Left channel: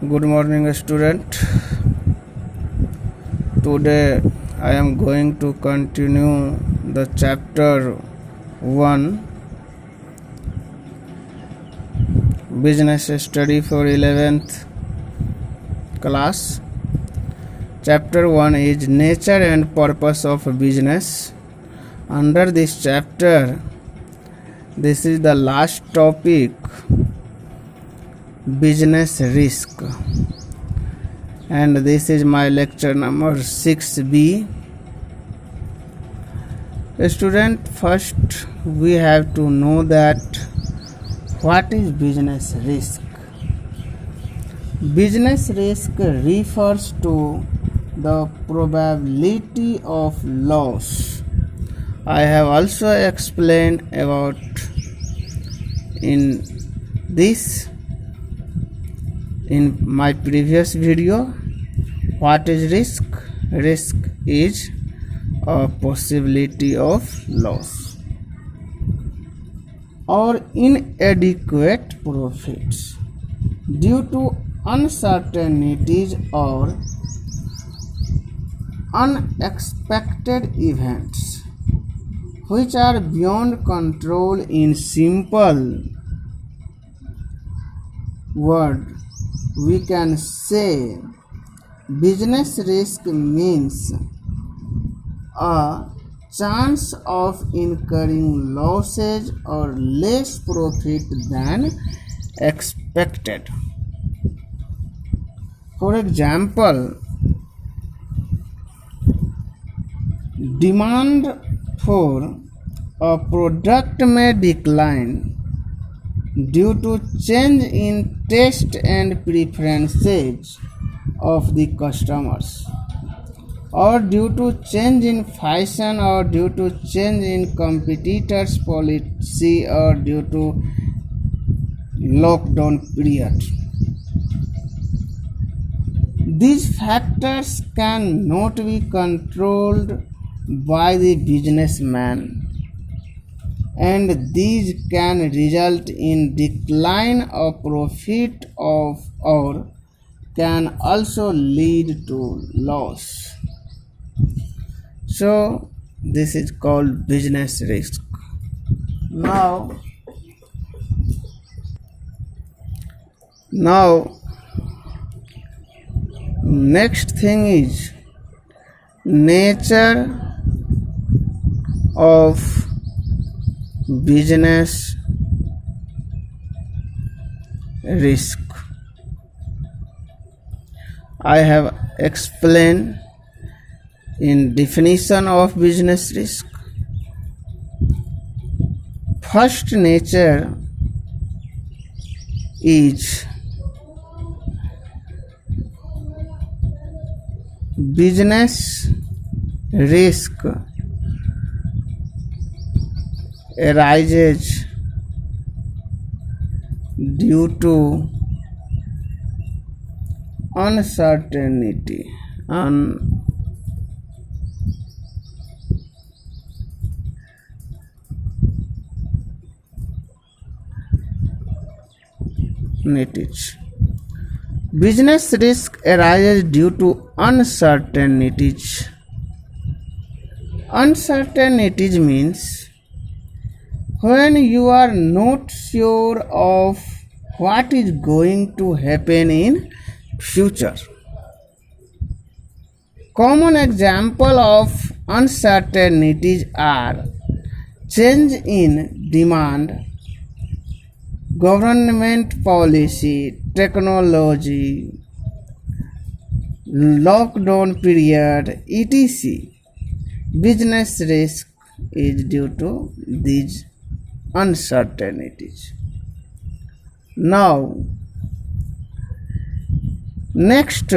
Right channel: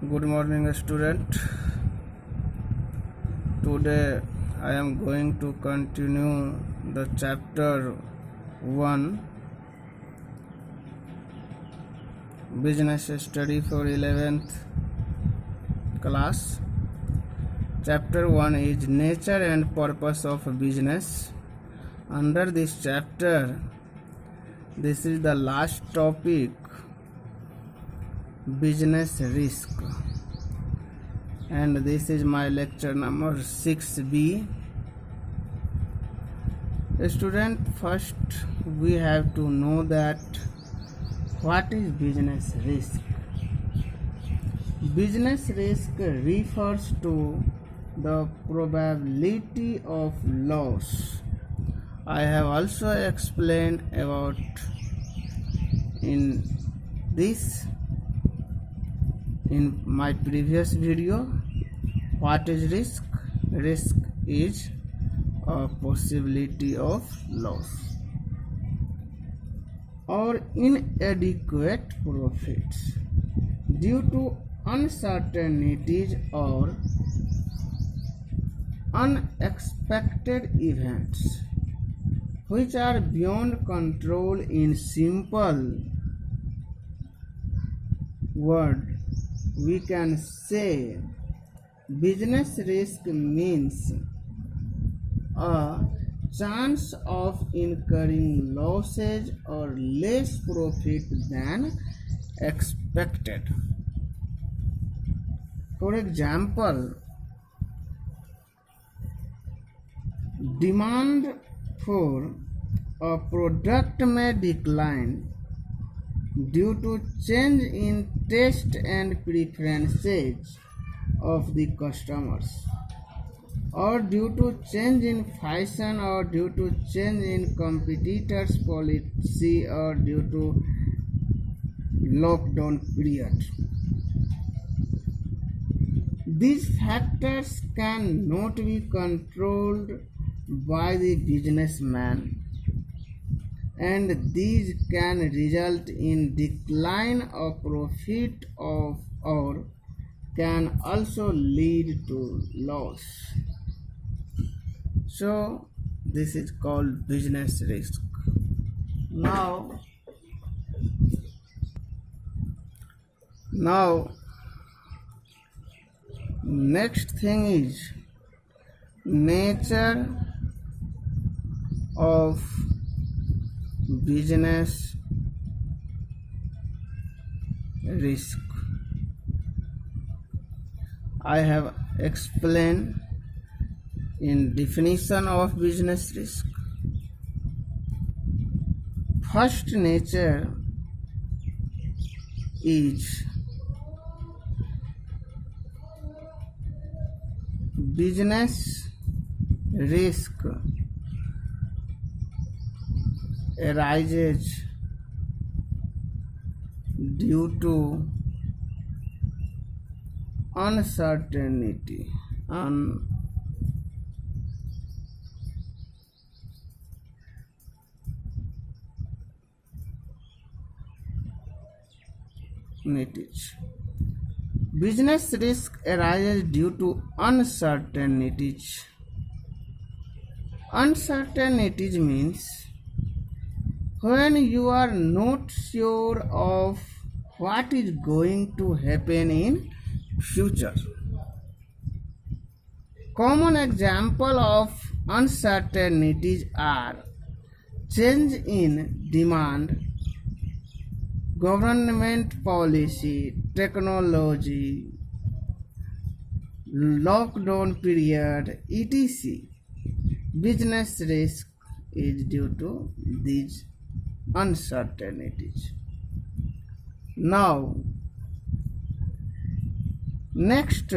Good morning, student. Today I am going to continue the chapter 1 business study for 11th class. Chapter 1 is nature and purpose of business. Under this chapter, this is the last topic, business risk, and this is my lecture number 6B. Student, first we have to know that what is business risk. Business risk refers to the probability of loss. I have also explained about in my previous video. What is risk? Risk is a possibility of loss or inadequate profits due to uncertainties or unexpected events which are beyond control. In simple word, we can say business risk means a chance of incurring losses or less profit than expected. For example, demand for a product may decline due to change in taste and preferences of the customers, or due to change in fashion, or due to change in competitors' policy, or due to lockdown period. These factors cannot be controlled by the businessman, and these can result in decline of profit or can also lead to loss. So this is called business risk. Now next thing is nature of business risk. I have explained in definition of business risk. First, nature is business risk arises due to uncertainty Business risk arises due to uncertainties. Uncertainties means when you are not sure of what is going to happen in future. Common example of uncertainties are change in demand, government policy, technology, lockdown period, etc. Business risk is due to these uncertainties. Now, next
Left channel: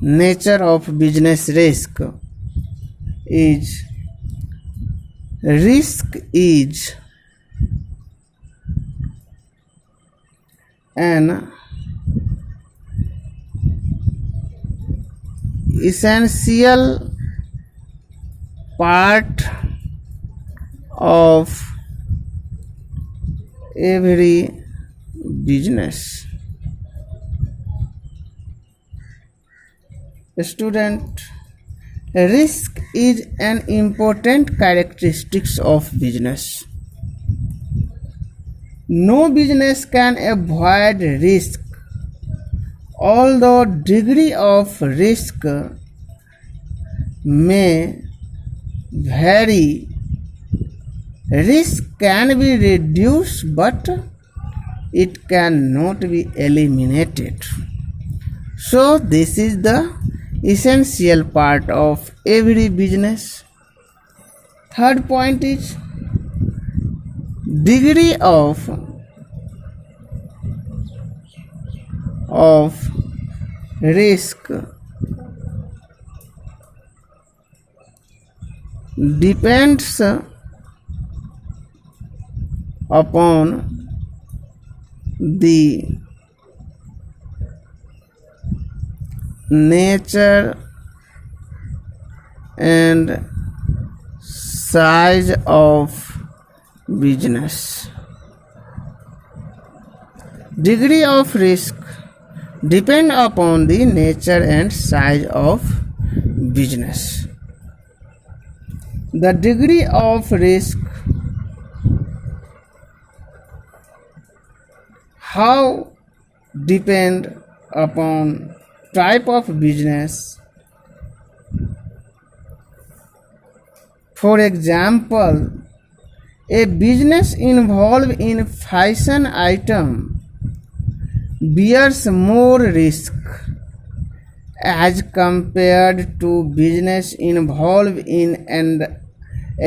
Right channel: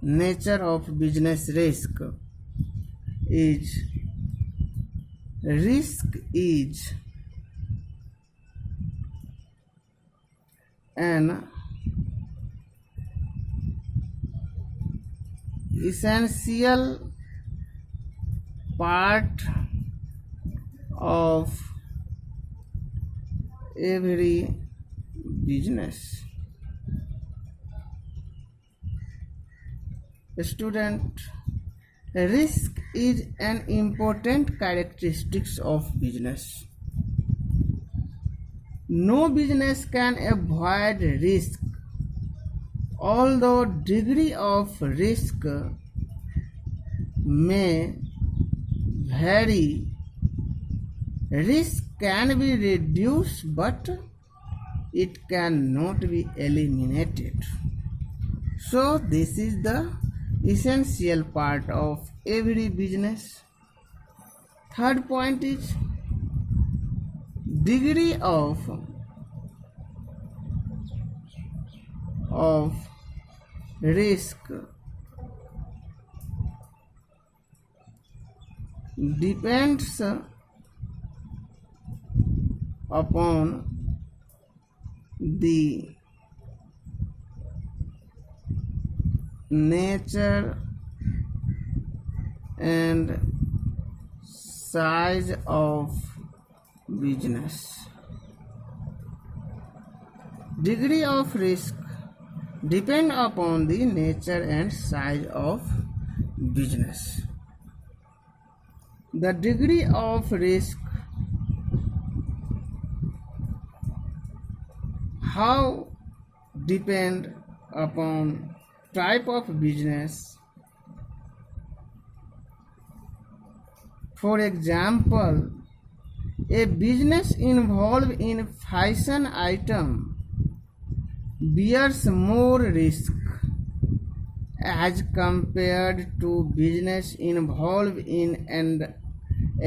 nature of business risk is an essential part of every business. Student, risk is an important characteristic of business. No business can avoid risk, although degree of risk may vary. Risk can be reduced, but it cannot be eliminated. So this is the essential part of every business. Third point is degree of risk depends upon the nature and size of business. Degree of risk depend upon the nature and size of business. The degree of risk, how depend upon type of business. For example, a business involved in fashion item bears more risk as compared to business involved in and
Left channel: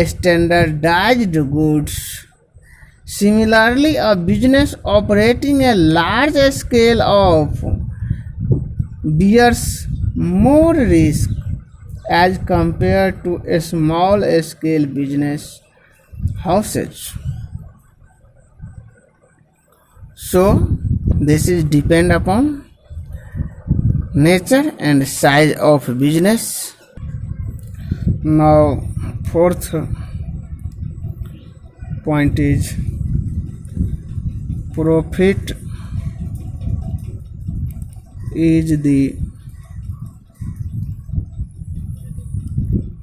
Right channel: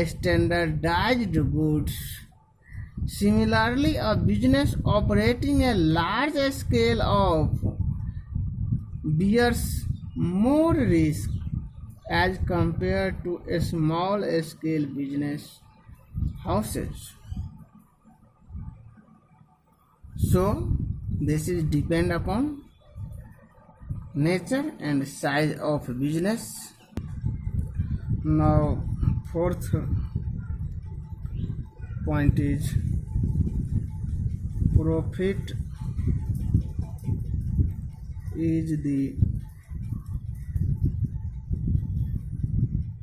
standardized goods. Similarly, a business operating a large scale of bears more risk as compared to a small scale business houses. So this is depend upon nature and size of business. Now fourth point is profit is the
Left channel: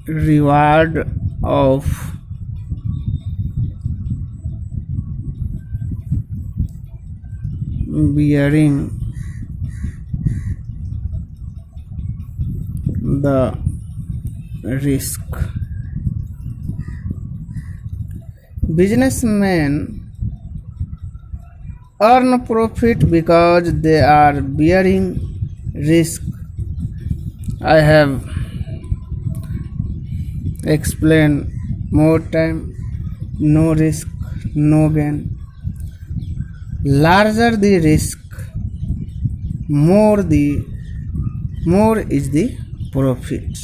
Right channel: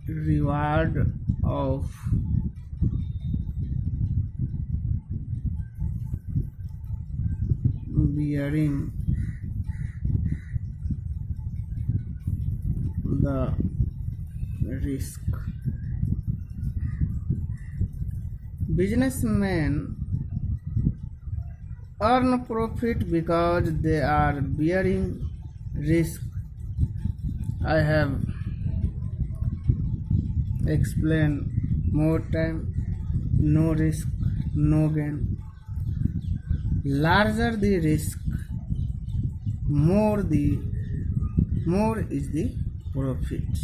reward of bearing the risk. Businessmen earn profit because they are bearing risk. I have explained more time. No risk, no gain. Larger the risk, more is the profit.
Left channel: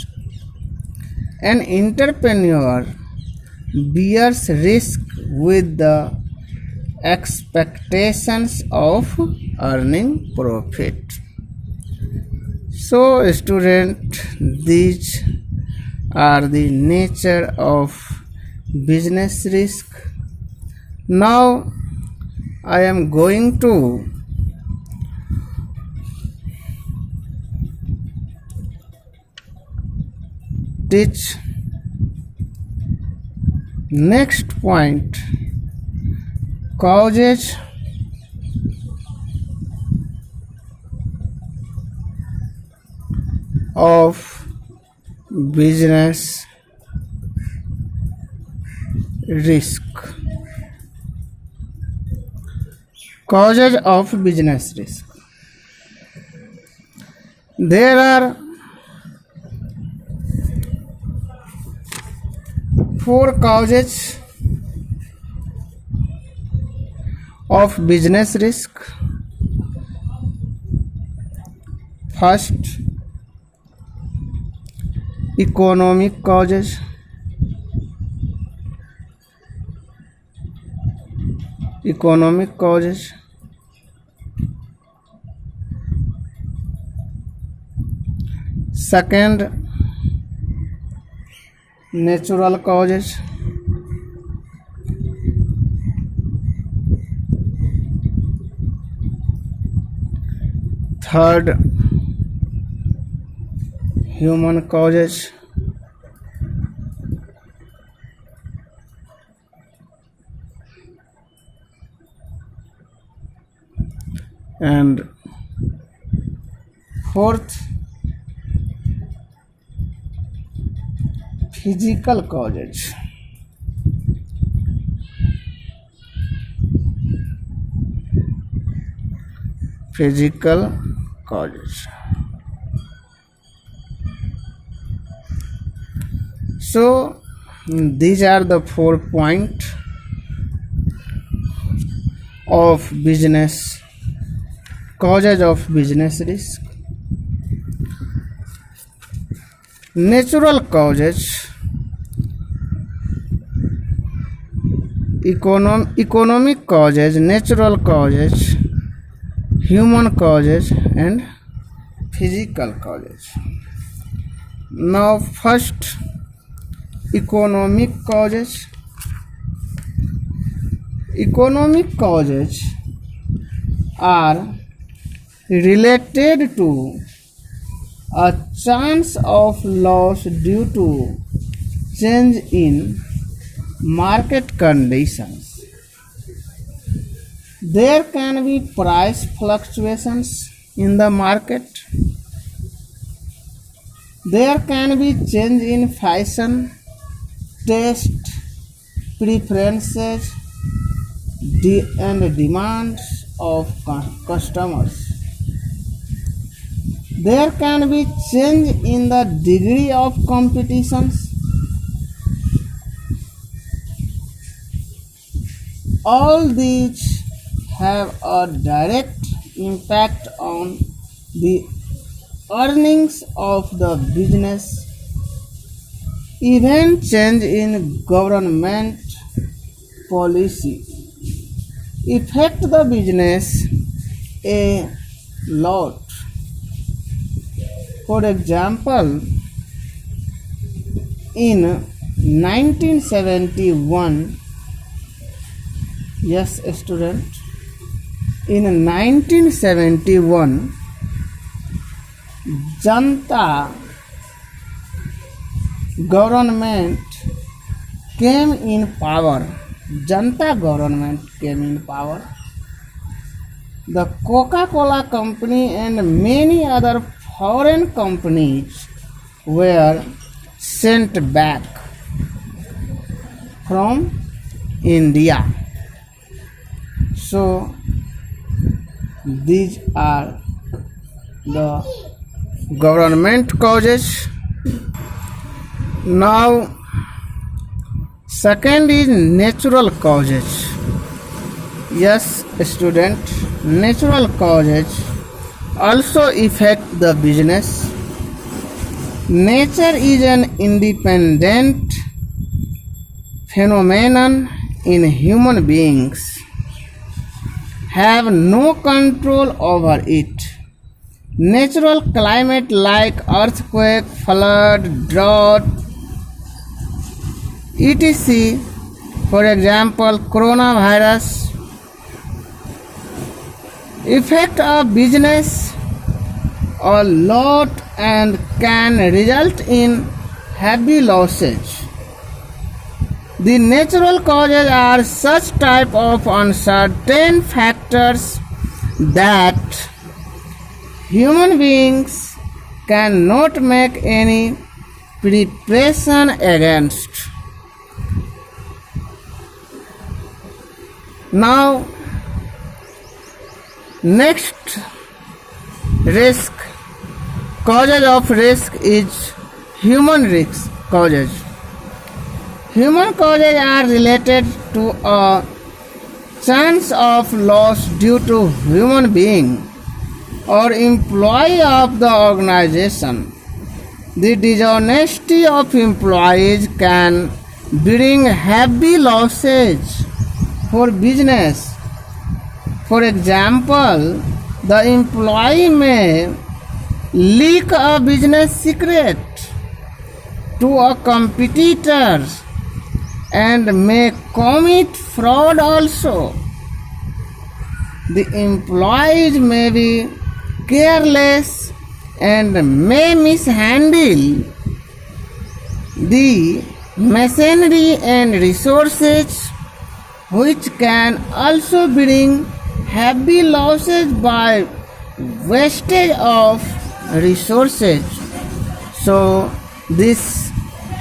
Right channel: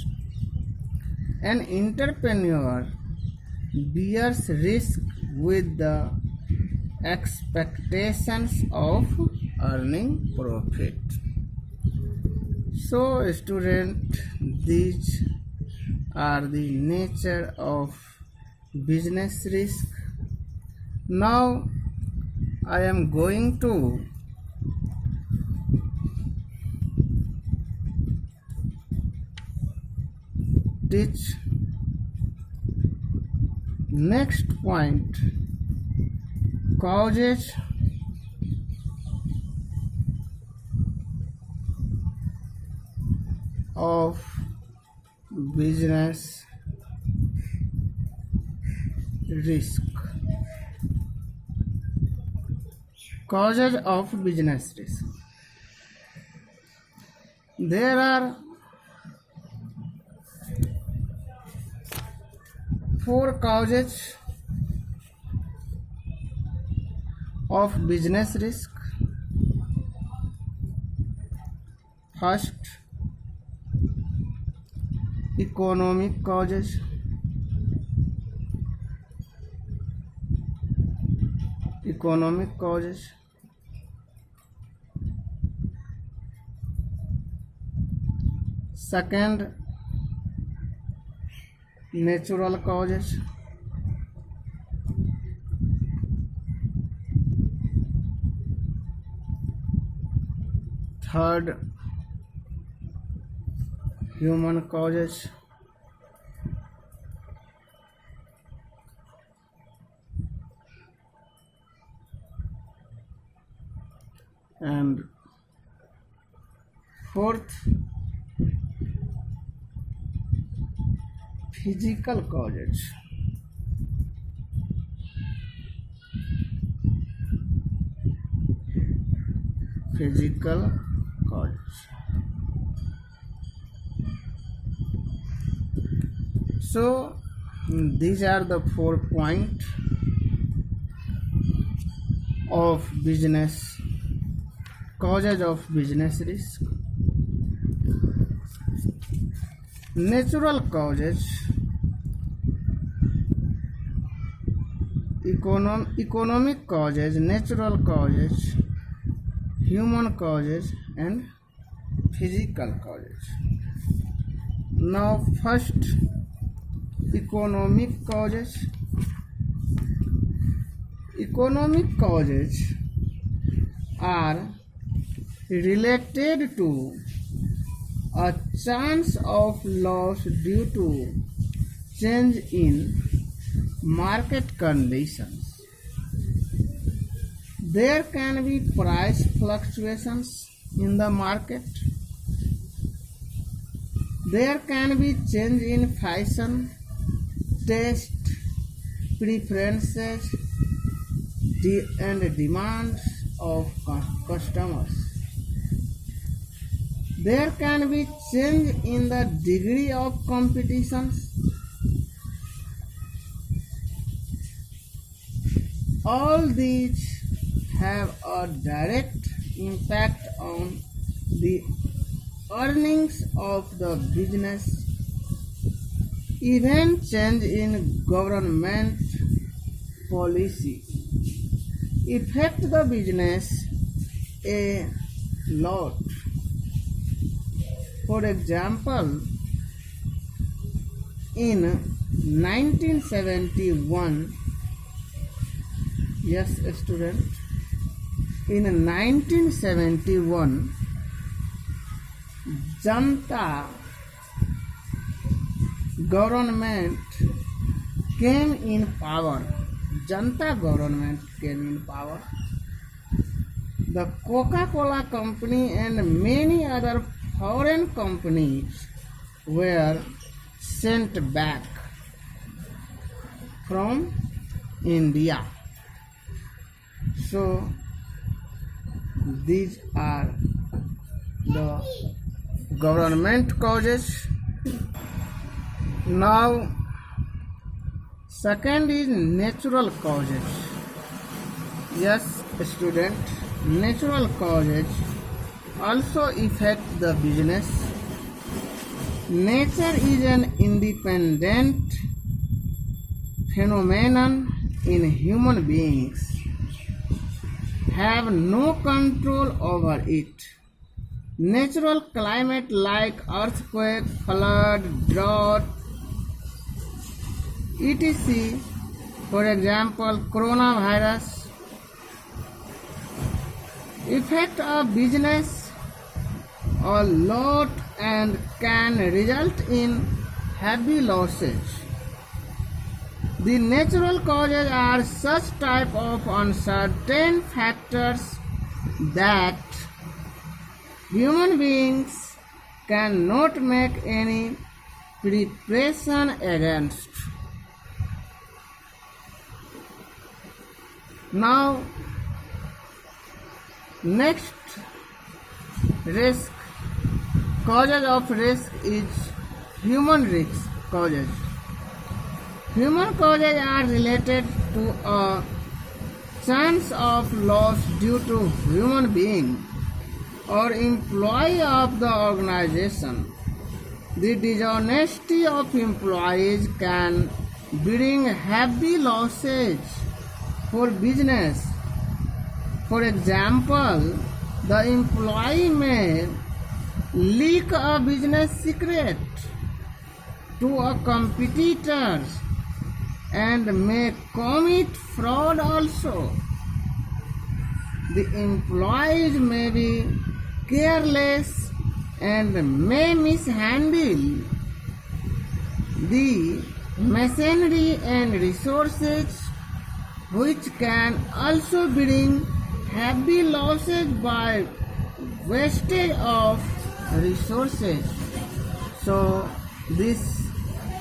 An entrepreneur bears risk with the expectations of earning profit. So student, these are the nature of business risk. Now I am going to teach next point, causes of business risk. Causes of business risk. There are 4 causes of business risk. First, economic causes. Economic causes. Second, natural causes. Third, human causes. And fourth, physical causes. Physical causes. So these are the 4 points of business causes of business risk. Natural causes, economic causes, natural causes, human causes, and physical causes. Now first, economic causes. Economic causes are related to a chance of loss due to change in market conditions. There can be price fluctuations in the market. There can be change in fashion, taste, preferences, and demands of customers. There can be change in the degree of competitions. All these have a direct impact on the earnings of the business. Even change in government policy affect the business a lot. For example, in 1971, yes student, in 1971, Janta government came in power. Janta government came in power. The Coca-Cola company and many other foreign companies were sent back from India. So these are the government causes. Now second is natural causes. Yes student, natural causes also affect the business. Nature is an independent phenomenon in human beings have no control over it. Natural climate like earthquake, flood, drought, etc. For example, coronavirus affect a business a lot and can result in heavy losses. The natural causes are such type of uncertain factors that human beings cannot make any preparation against. Now, next risk, causes of risk is human risk causes. Human causes are related to a chance of loss due to human being or employee of the organization. The dishonesty of employees can bring heavy losses for business. For example, the employee may leak a business secret to a competitor and may commit fraud also. The employees may be careless and may mishandle the machinery and resources, which can also bring heavy losses by wastage of resources. So this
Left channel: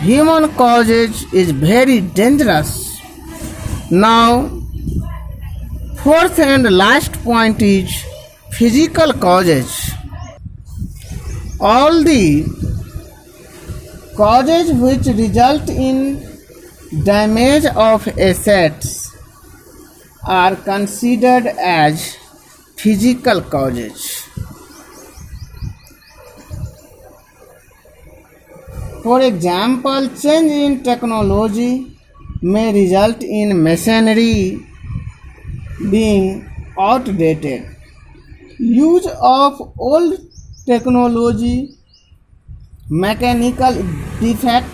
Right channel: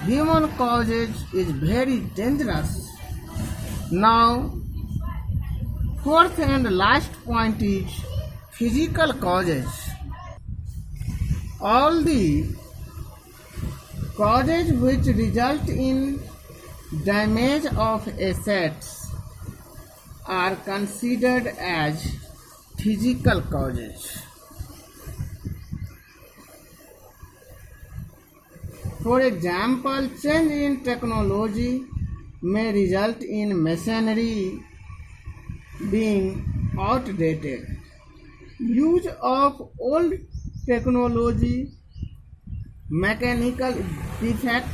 human causes is very dangerous. Now, fourth and last point is physical causes. All the causes which result in damage of assets are considered as physical causes. For example, change in technology may result in machinery being outdated. Use of old technology, mechanical defect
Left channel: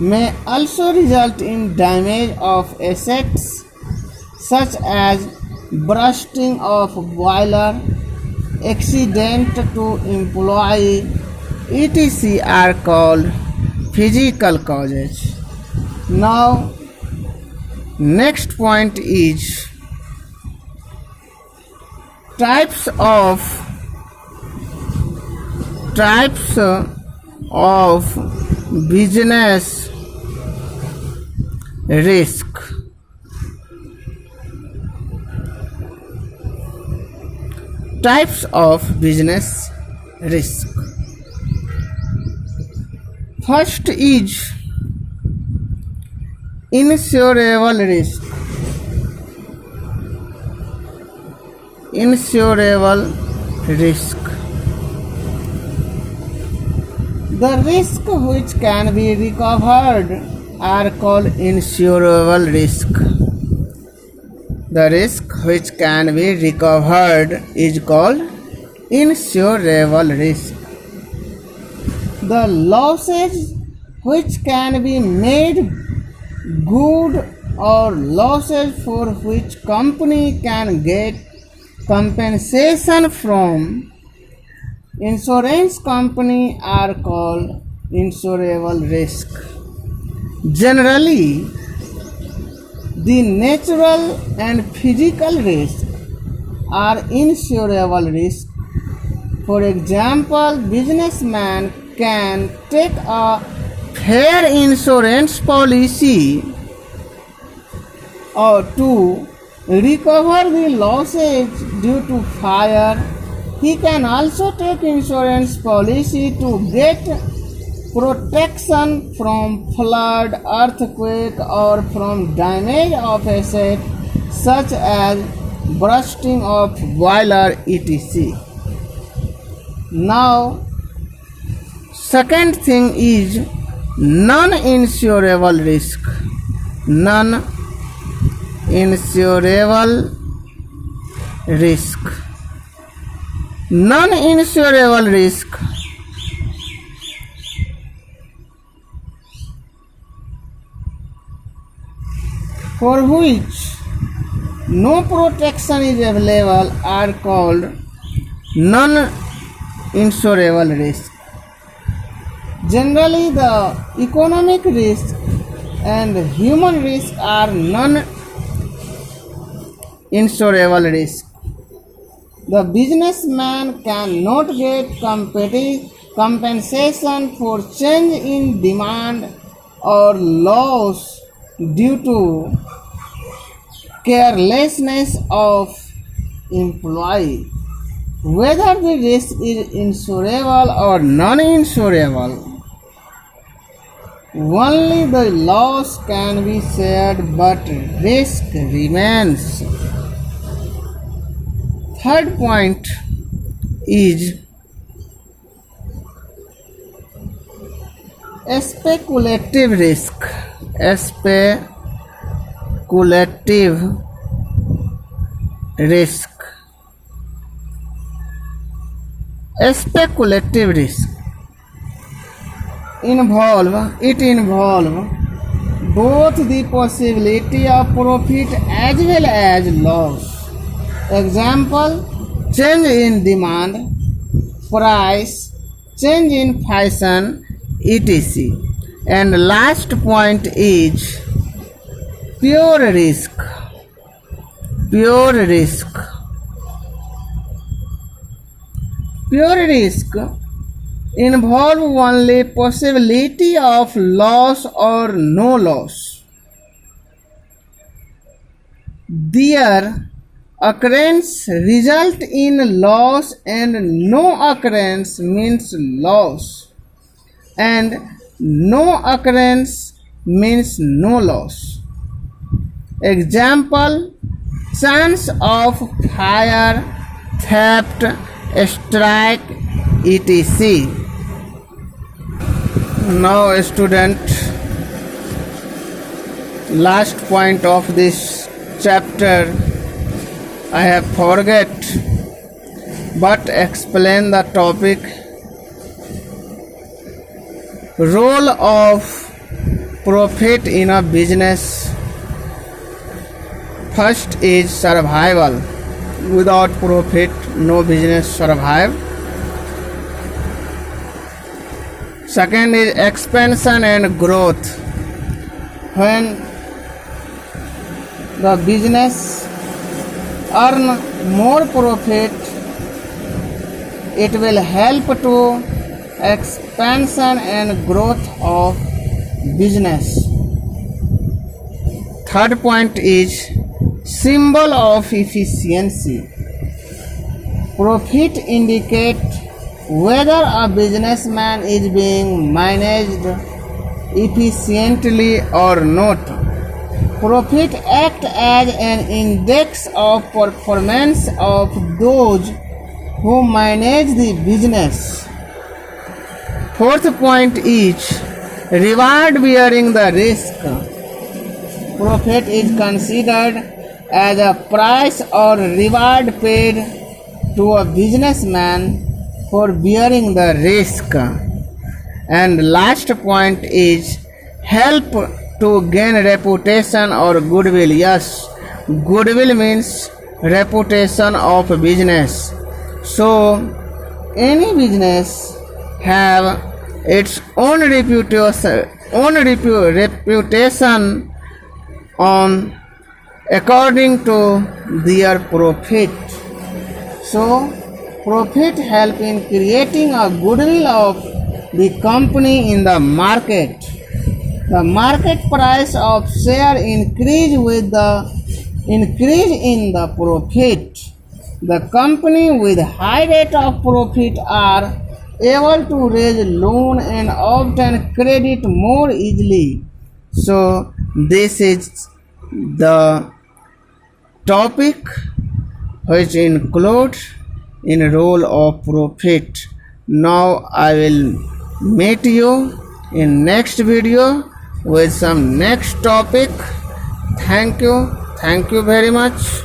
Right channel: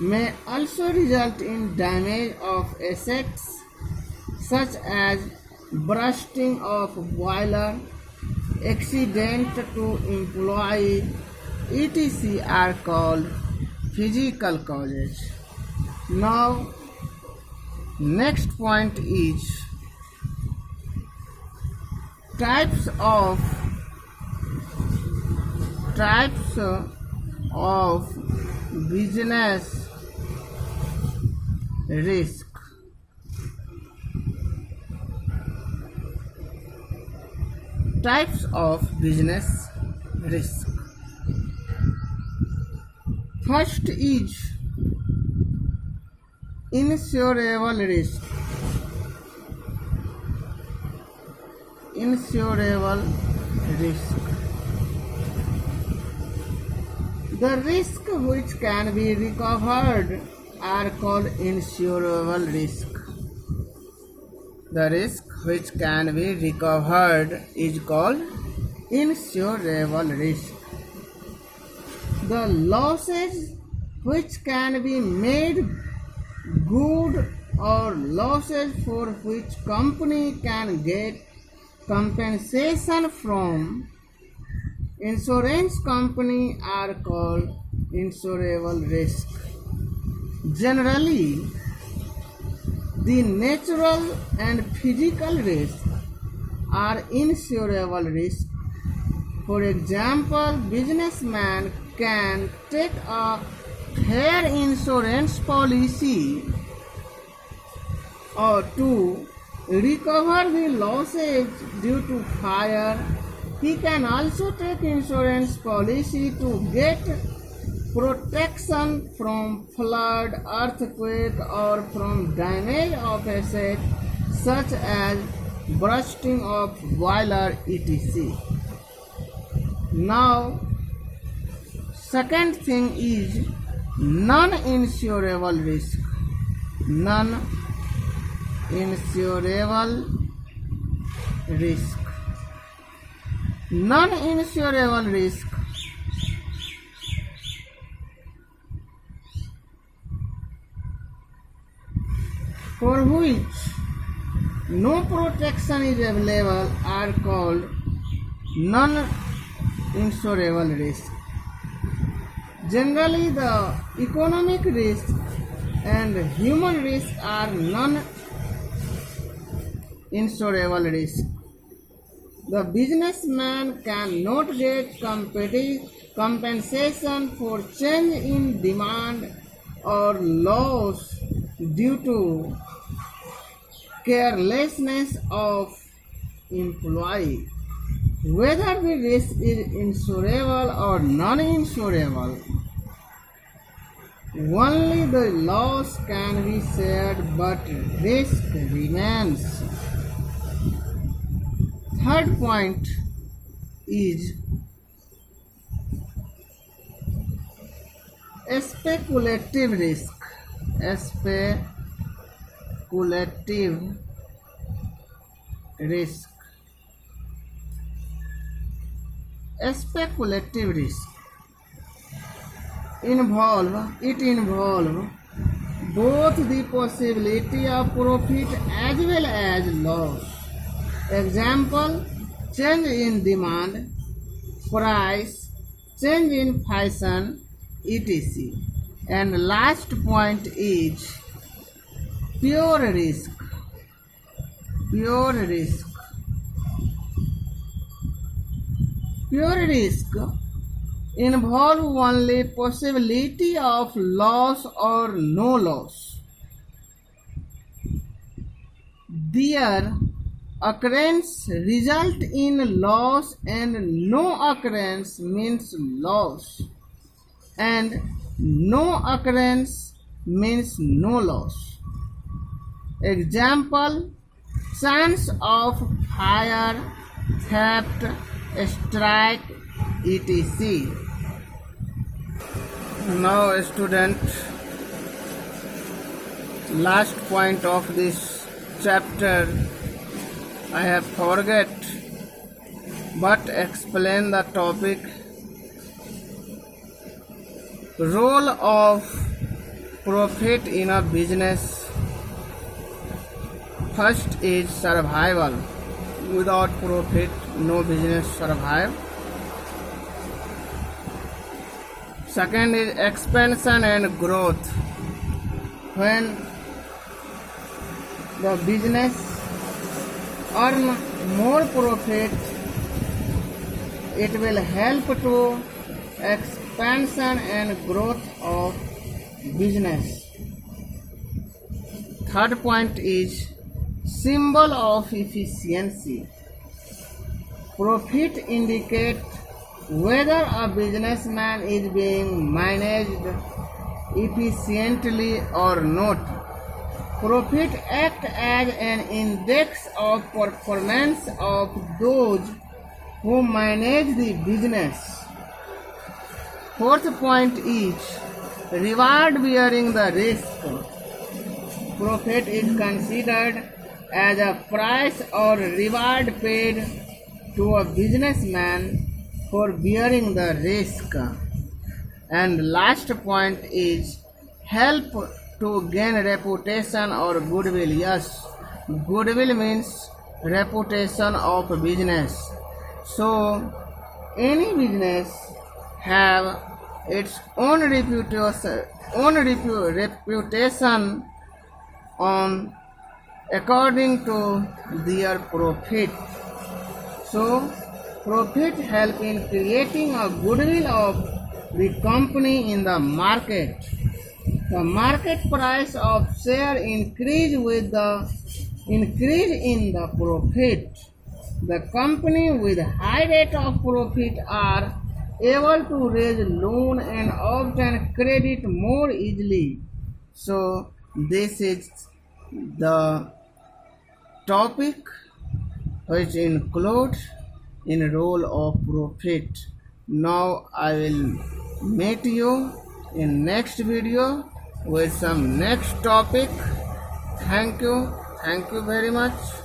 may also result in damage of assets such as bursting of boiler, accident to employee, etc. are called physical causes. Now, next point is types of business risk. Types of business risk. First is insurable risk. Insurable risk. The risk which can be recovered are called insurable risk. The risk which can be recovered is called insurable risk. The losses which can be made good or losses for which company can get compensation from insurance company are called insurable risk. Generally, the natural and physical risks are insurable risk. For example, businessman can take a fair insurance policy or to recover the losses due to fire. He can also take insurance policy to get protection from flood, earthquake, or from damage of asset such as bursting of boiler, etc. Now, second thing is non-insurable risk. Non-insurable risk. Non-insurable risk for which no protection is available are called non-insurable risk. Generally, the economic risk and human risk are non-insurable risk. The businessman cannot get compensation for change in demand or loss due to carelessness of employee. Whether the risk is insurable or non-insurable, only the loss can be shared, but risk remains. Third point is speculative risk. Speculative risk. Speculative risk involve both the possibility of profit as well as loss. Example, change in demand, price, change in fashion, etc. And last point is pure risk. Pure risk. Pure risk involve only possibility of loss or no loss. Their occurrence result in loss and no occurrence means loss, and no occurrence means no loss. Example: chance of fire, theft, strike, etc. Now student, last point of this chapter I have forget, but explain the topic. Role of profit in a business. First is survival. Without profit, no business survive. Second is expansion and growth. When the business earn more profit, it will help to expansion and growth of business. Third point is symbol of efficiency. Profit indicate whether a businessman is being managed efficiently or not. Profit act as an index of performance of those who manage the business. Fourth point is reward bearing the risk. Profit is considered as a price or reward paid to a businessman for bearing the risk. And last point is help to gain reputation or goodwill. Yes, goodwill means reputation of business. So any business have its own reputation on according to their profit. So profit help in creating a goodwill of the company in the market. The market price of share increase with the increase in the profit. The company with high rate of profit are able to raise loan and obtain credit more easily. So this is the topic which includes in role of profit. Now I will meet you in next video with some next topic. Thank you very much.